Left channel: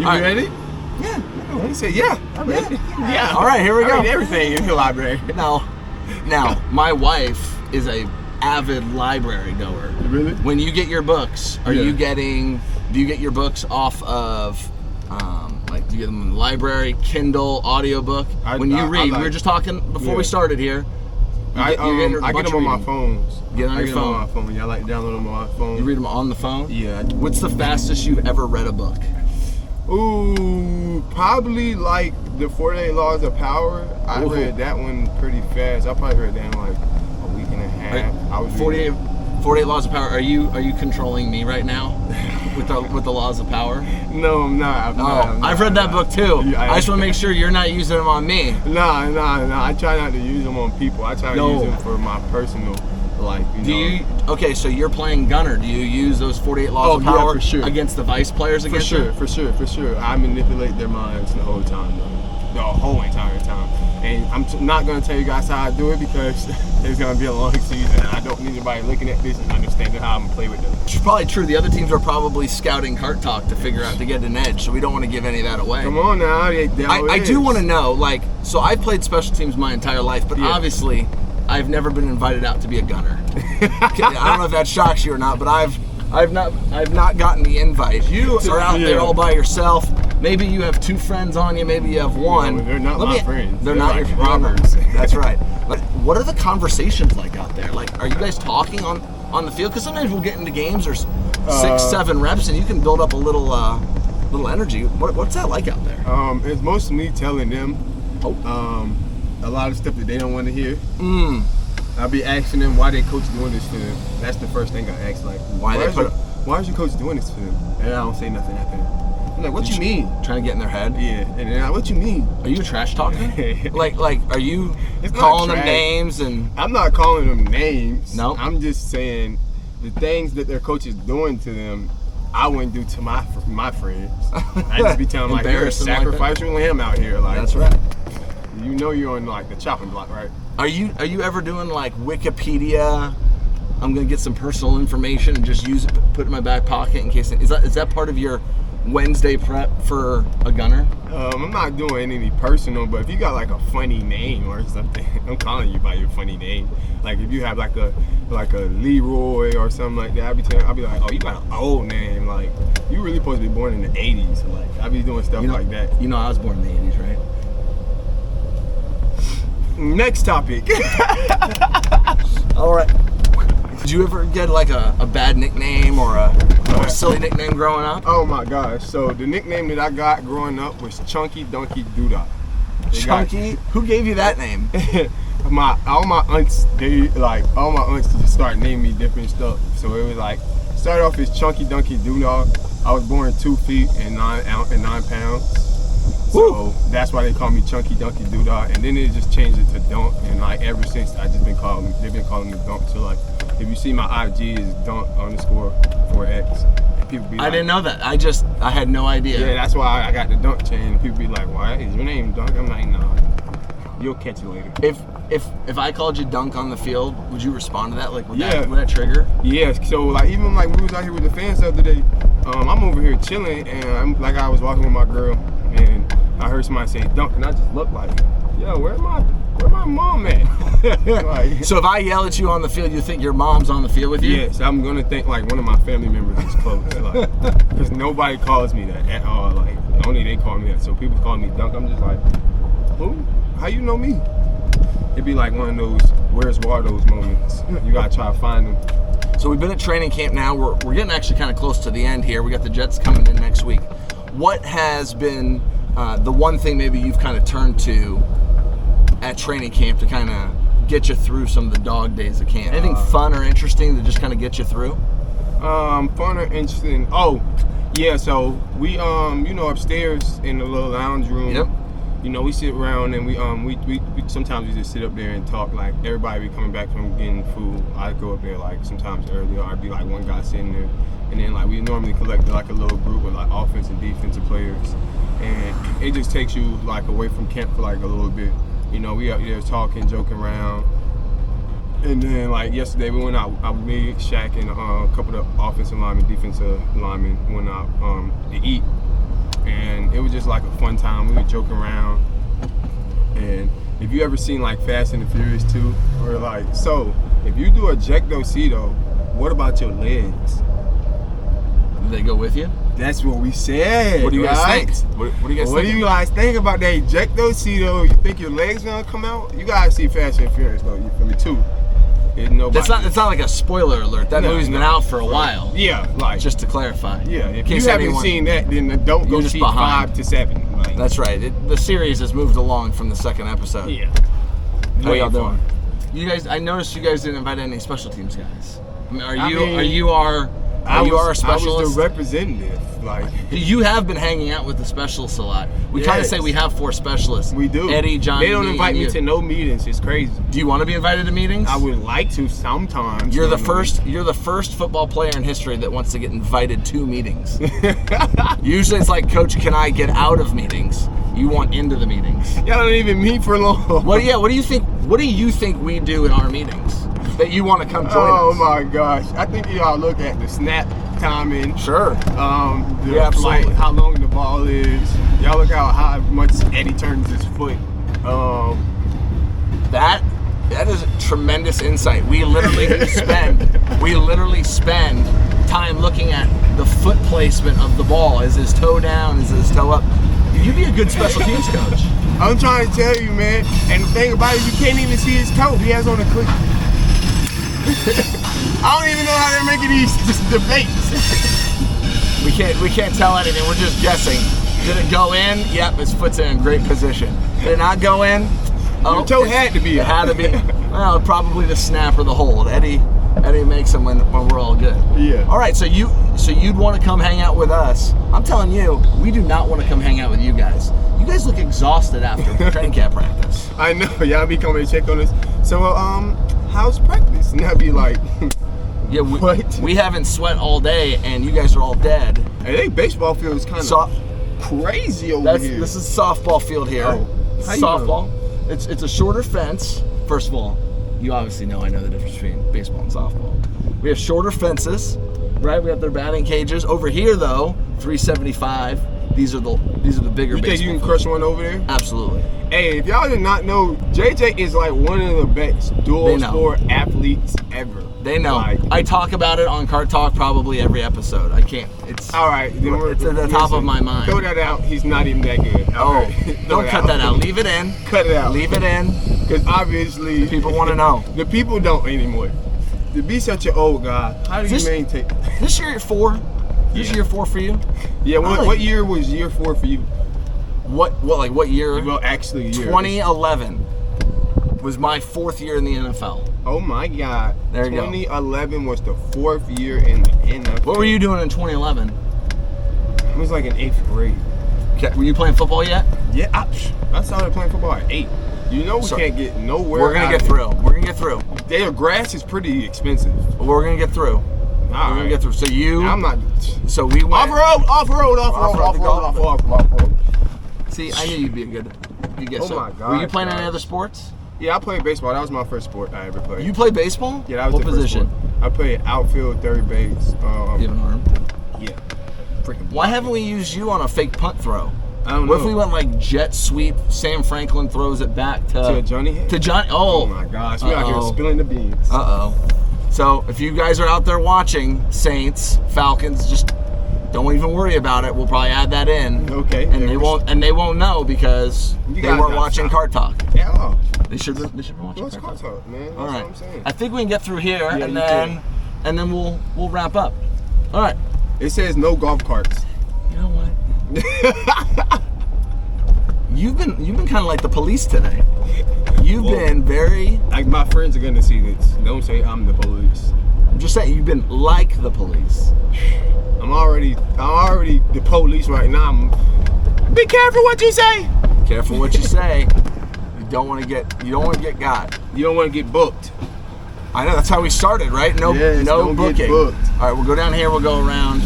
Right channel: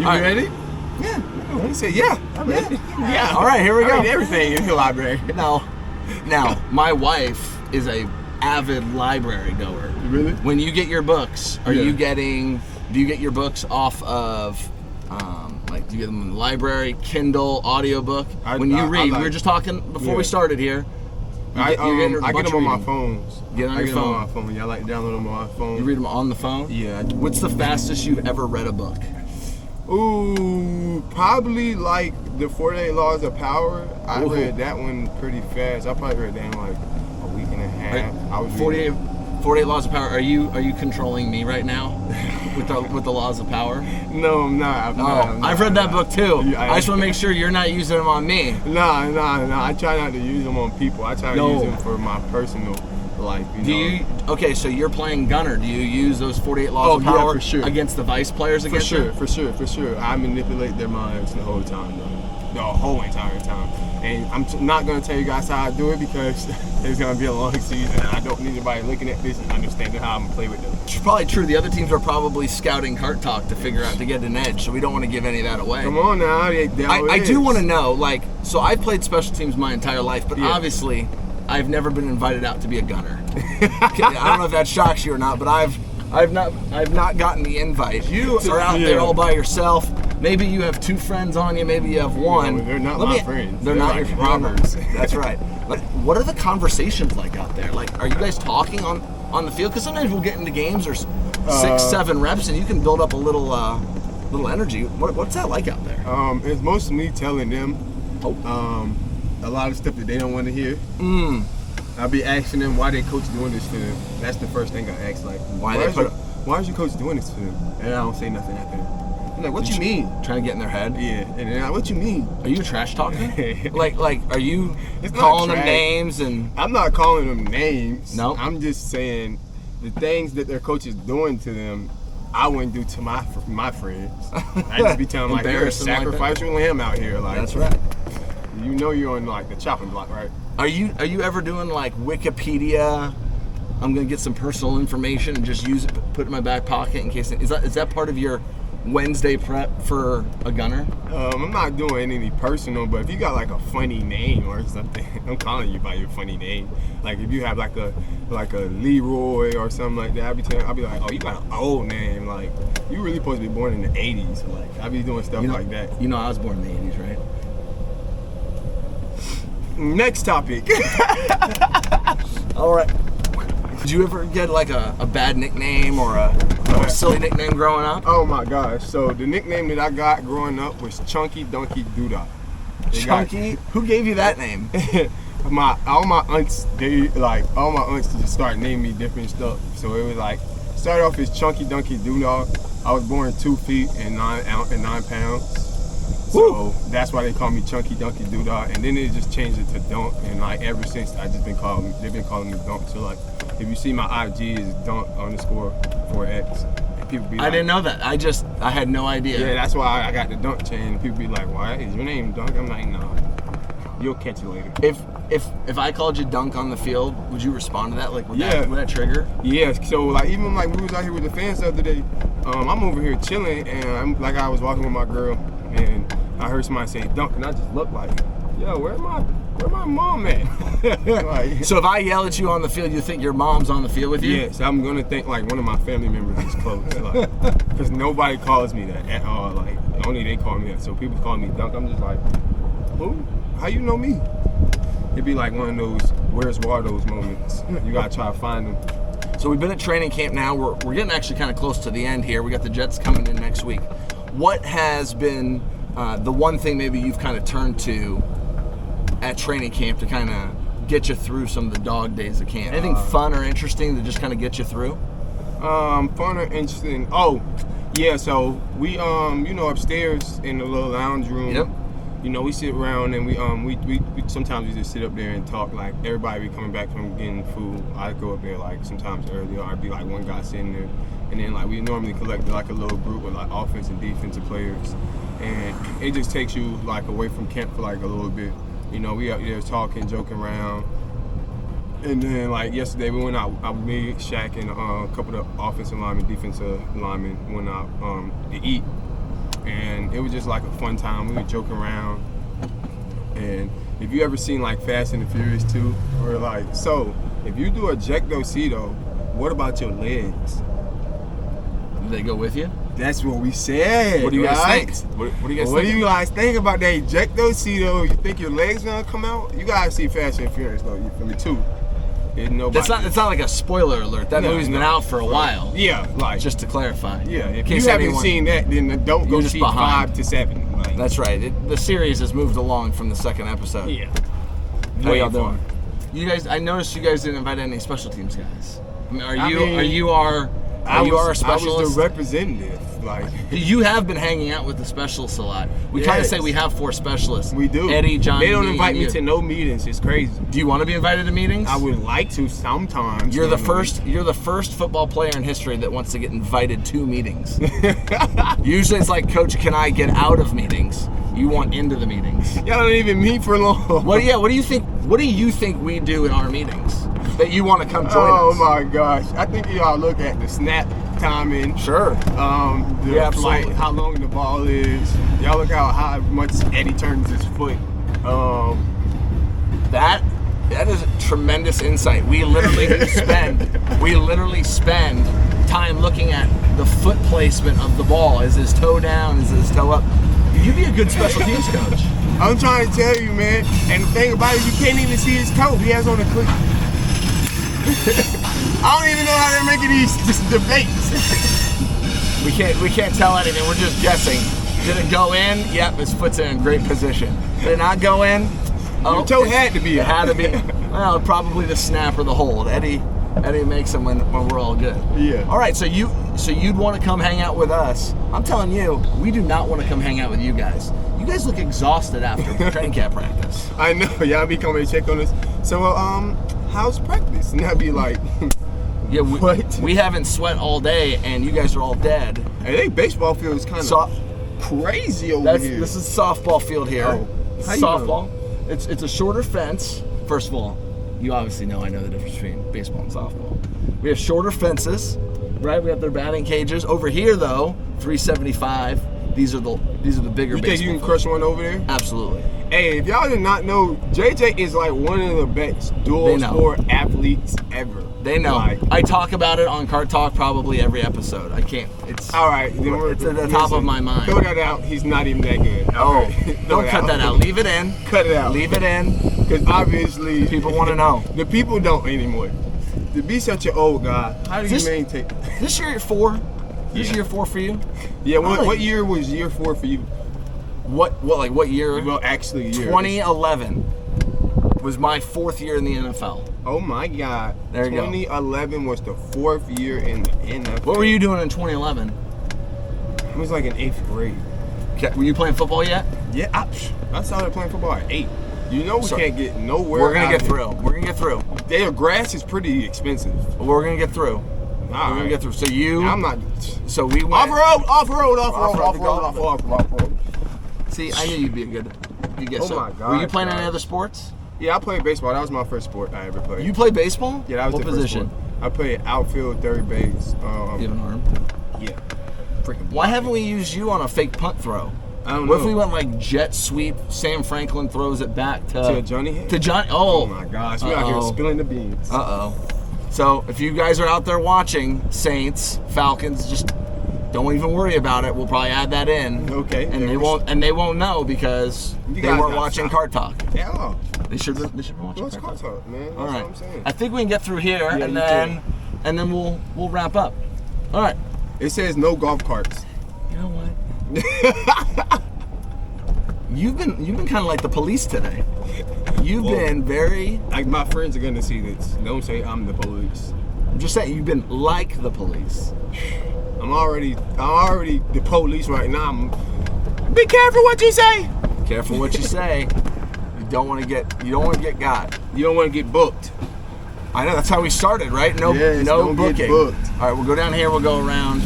You All right. ready? Yeah. He said, yeah. I'm ready. Yeah. All right, here we go. I read everything in the library. Now, my wife is a avid library goer. Really? When you get your books, do you get your books off of, do you get them in the library, Kindle, audiobook? When you read, we were just talking before we started here. I get them on my phones. Get on your phone. On my phone. Yeah, I like download them on my phone. You read them on the phone? Yeah. What's the fastest you've ever read a book? Ooh, probably like the 48 Laws of Power. I read that one pretty fast. I probably read that in like a week and a half. I was 48 Laws of Power. Are you controlling me right now with the Laws of Power? No, I'm not. I've read that book too. Yeah, I just want to make sure you're not using them on me. Nah. I try not to use them on people. I try to use them for my personal life. Okay, so you're playing gunner. Do you use those 48 Laws of Power for sure. against the vice players against them? For sure. I manipulate their minds the whole time, though. The whole entire time. And I'm not going to tell you guys how I do it because it's going to be a long season. And I don't need anybody looking at this and understanding how I'm going to play with them. It's probably true. The other teams are probably scouting Cart Talk to figure out to get an edge, so we don't want to give any of that away. Come on now. I do want to know, so I've played special teams my entire life, but obviously I've never been invited out to be a gunner. I don't know if that shocks you or not, but I've not gotten the invite. You are out there all by yourself. Maybe you have two friends on you. Maybe you have one. No, they're not my friends. They're not like your robbers. That's right. But what are the conversations like out there? Like, are you guys talking on the field? Because sometimes we'll get into games or 6-7 reps, and you can build up a little energy. What's that like out there? It's mostly me telling them a lot of stuff that they don't want to hear. I'll be asking them why their coach doing this to them. That's the first thing I ask, like, why is your coach doing this to them? And I don't say nothing after that. I'm like, what you mean? Trying to get in their head? Yeah, and then what you mean? Are you a trash talker? like, are you calling them names and? I'm not calling them names. No. I'm just saying the things that their coach is doing to them, I wouldn't do to my friends. I just be telling them like, you're a sacrificial lamb out here. Like, that's right. You know you're on like the chopping block, right? Are you ever doing like Wikipedia? I'm gonna get some personal information and just use it, put it in my back pocket in case. Is that part of your Wednesday prep for a gunner? I'm not doing any personal, but if you got like a funny name or something, I'm calling you by your funny name. Like if you have like a Leroy or something like that, I'll be like, oh, you got an old name. Like you really supposed to be born in the '80s. Like I'll be doing stuff like that. You know, I was born in the '80s, right? Next topic. All right. Did you ever get like a bad nickname or a silly nickname growing up? Oh my gosh! So the nickname that I got growing up was Chunky Donkey Doodah. Chunky? Who gave you that name? all my aunts just start naming me different stuff. So it was like started off as Chunky Donkey Doodah. I was born 2 feet and 9 pounds. So that's why they call me Chunky Donkey Doodah, and then they just changed it to Dunk, and like ever since they've been calling me Dunk. So like if you see my IG is Dunk_4X, and people be like, I didn't know that. I had no idea. Yeah, that's why I got the Dunk chain. And people be like, why is your name Dunk? I'm like, no, you'll catch it later. If I called you Dunk on the field, would you respond to that? Like would that trigger? Yeah. So like even like we was out here with the fans the other day. I'm over here chilling, and I was walking with my girl, and I heard somebody say Dunk, and I just looked like, yo, where my mom at? Like, so if I yell at you on the field, you think your mom's on the field with you? Yes, I'm gonna think like one of my family members is close, because nobody calls me that at all. Like only they call me that. So people call me Dunk. I'm just like, who? How you know me? It'd be like one of those "Where's Waldo's" moments. You gotta try to find them. So we've been at training camp now. We're getting actually kind of close to the end here. We got the Jets coming in next week. What has been the one thing maybe you've kind of turned to at training camp to kind of get you through some of the dog days of camp? Anything fun or interesting to just kind of get you through? Fun or interesting? Oh, yeah. So we upstairs in the little lounge room. Yep. We sit around and we sometimes we just sit up there and talk. Like everybody be coming back from getting food. I go up there like sometimes early, or I'd be like one guy sitting there, and then like we normally collect like a little group of like offense and defensive players, and it just takes you like away from camp for like a little bit. We up there talking, joking around, and then like yesterday we went out. Me, Shaq, and a couple of offensive linemen, defensive linemen went out to eat. And and it was just like a fun time. We were joking around, and if you ever seen like Fast and the Furious 2, we're like, so if you do ejectocito, what about your legs? Do they go with you? That's what we said. What do you guys right? think? What do you guys What think? do you guys think about that ejectocito? You think your legs gonna come out? You guys see Fast and Furious though, you feel me too? It's not like a spoiler alert. That movie's been out for a while. Yeah, like just to clarify. Yeah, if you haven't seen that, then don't go see 5 to 7. Like, that's right. The series has moved along from the second episode. Yeah. How y'all doing? You guys, I noticed you guys didn't invite any special teams guys. I mean, are you our specialist? I was the representative. Like, you have been hanging out with the specialists a lot. We kind of say we have 4 specialists. We do. Eddie, John. They don't invite me to no meetings. It's crazy. Do you want to be invited to meetings? I would like to sometimes. You're the first football player in history that wants to get invited to meetings. Usually it's like, Coach, can I get out of meetings? You want into the meetings. Y'all don't even meet for long. What do you think we do in our meetings that you want to come join us? Oh my gosh. I think y'all look at the snap timing. Sure. Like how long the ball is. Y'all look how much Eddie turns his foot. That is a tremendous insight. We literally spend time looking at the foot placement of the ball. Is his toe down? Is his toe up? You'd be a good special teams coach. I'm trying to tell you, man. And the thing about it, you can't even see his toe. He has on a cleat. I don't even know how they're making these debates. We can't tell anything. We're just guessing. Did it go in? Yep, his foot's in great position. Did it not go in? Your toe had to be. It had to be. Well, probably the snap or the hold. Eddie makes them when we're all good. Yeah. All right, so you'd want to come hang out with us. I'm telling you, we do not want to come hang out with you guys. You guys look exhausted after training camp practice. I know. Y'all be coming to check on us. So, how's practice? And I'd be like, yeah, we haven't sweat all day, and you guys are all dead. I think baseball field is kind of crazy over here. This is softball field here. Oh, softball. It's a shorter fence. First of all, you obviously know I know the difference between baseball and softball. We have shorter fences, right? We have their batting cages. Over here, though, 375. These are the bigger. You think you can crush one over there? Absolutely. Hey, if y'all did not know, JJ is like one of the best dual sport athletes ever. They know. I talk about it on Cart Talk probably every episode. I can't. It's all right. It's at the top of my mind. Throw that out. He's not even that good. Don't cut that out. Leave it in. Cut it out. Leave it in. Because obviously people want to know. The people don't anymore. To be such an old guy, how do you maintain? This year 4. This year 4 for you? Yeah. What year was year 4 for you? What year? Well, actually, 2011 was my 4th year in the NFL. Oh my God! There you go. 2011 was the 4th year in the NFL. What were you doing in 2011? I was like in 8th grade. Okay. Were you playing football yet? Yeah, I started playing football at 8. You know we can't get nowhere. We're gonna get through. We're gonna get through. Their grass is pretty expensive. We're gonna get through. We're gonna get through. So I'm not. So we went off road. See, I knew you'd be a good. You get so. My God! Were you playing any other sports? Yeah, I played baseball. That was my first sport I ever played. You played baseball? Yeah, that was what the position? First sport. I played outfield, third base. You have an arm? Yeah. Freaking. Why haven't we used you on a fake punt throw? I don't know. What if we went like jet sweep? Sam Franklin throws it back to Johnny. To Johnny. Oh my gosh, we're out here spilling the beans. So if you guys are out there watching, Saints, Falcons, just don't even worry about it. We'll probably add that in. Okay. And they won't know because they weren't watching Cart Talk. Yeah. They should be watching. What's Cart Talk, man? That's all right. What I'm saying. I think we can get through here, and then we'll wrap up. All right. It says no golf carts. You know what? You've been kind of like the police today. You've been very. Like my friends are gonna see this. Don't say I'm the police. I'm just saying you've been like the police. I'm already the police right now. Be careful what you say. Careful what you say. You don't want to get got. You don't want to get booked. I know that's how we started, right? No booking. Get booked. All right, we'll go down here. We'll go around.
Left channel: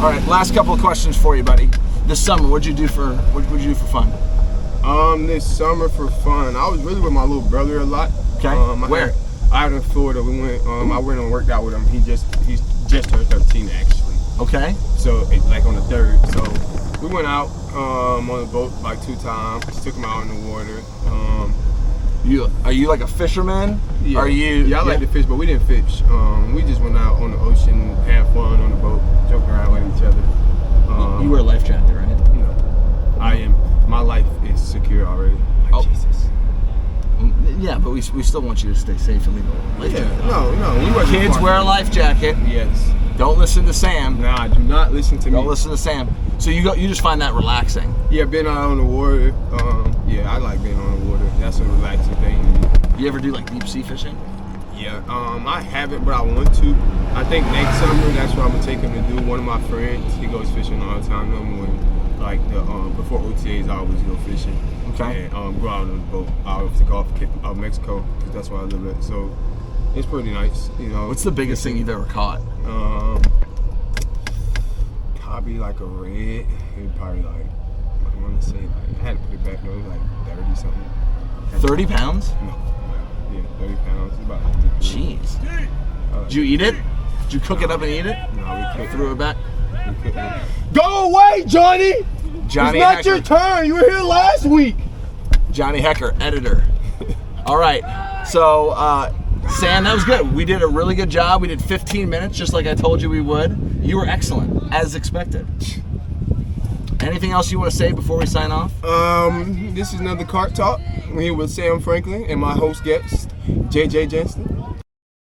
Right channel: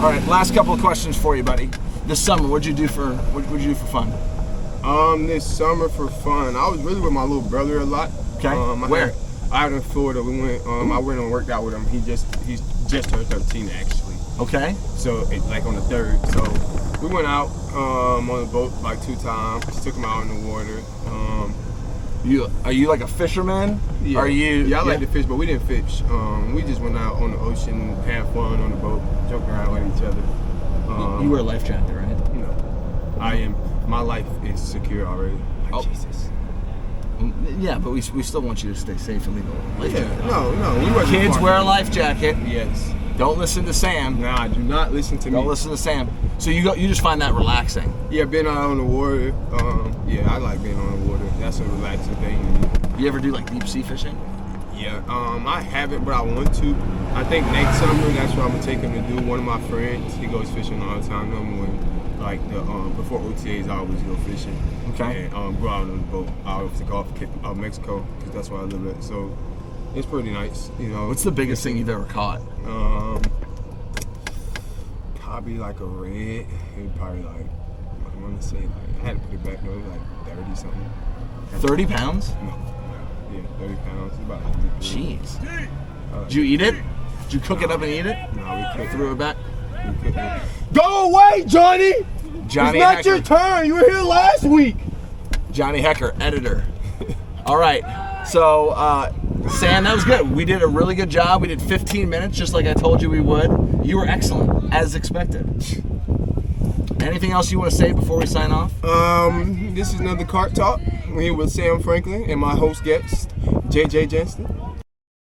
All right, last couple of questions for you, buddy. This summer, what'd you do for fun? This summer for fun, I was really with my little brother a lot. Okay. Where? Out in Florida. We went. I went and worked out with him. He's just turned 13 actually. Okay. So like on the 3rd. So We went out on the boat like 2 times. Took them out in the water. Are you like a fisherman? Yeah. Are you? Yeah, I like to fish, but we didn't fish. We just went out on the ocean, had fun on the boat, joke around with each other. You wear a life jacket, right? No, I am. My life is secure already. Like, Oh. Jesus. Yeah, but we still want you to stay safe and leave a life jacket. No. We wasn't Kids far wear a from life jacket. it. Yes. Don't listen to Sam. Nah, do not listen to me. Don't listen to Sam. So you just find that relaxing. Yeah, being out on the water. Yeah, I like being on the water. That's a relaxing thing to me. You ever do like deep sea fishing? Yeah, I haven't, but I want to. I think next summer, that's what I'm gonna take him to do. One of my friends, he goes fishing all the time. Like before OTAs, I always go fishing. Okay. And go out on the boat out of the Gulf of Mexico, because that's where I live at. So it's pretty nice, you know. What's the biggest thing you've ever caught? Probably like a red. It probably like, I want to say like, I had to put it back though. It was like 30 something. 30 pounds? No. Yeah, 30 pounds. It's about like Jeez. Did you eat it? Did you cook it up and eat it? No, we cooked Threw it back? Go away, Johnny! Johnny It's not Hecker. your turn. You were here last week. Johnny Hecker, editor. All right. So, Sam, that was good. We did a really good job. We did 15 minutes, just like I told you we would. You were excellent, as expected. Anything else you want to say before we sign off? This is another Cart Talk. We're here with Sam Franklin and my host guest, JJ Jansen.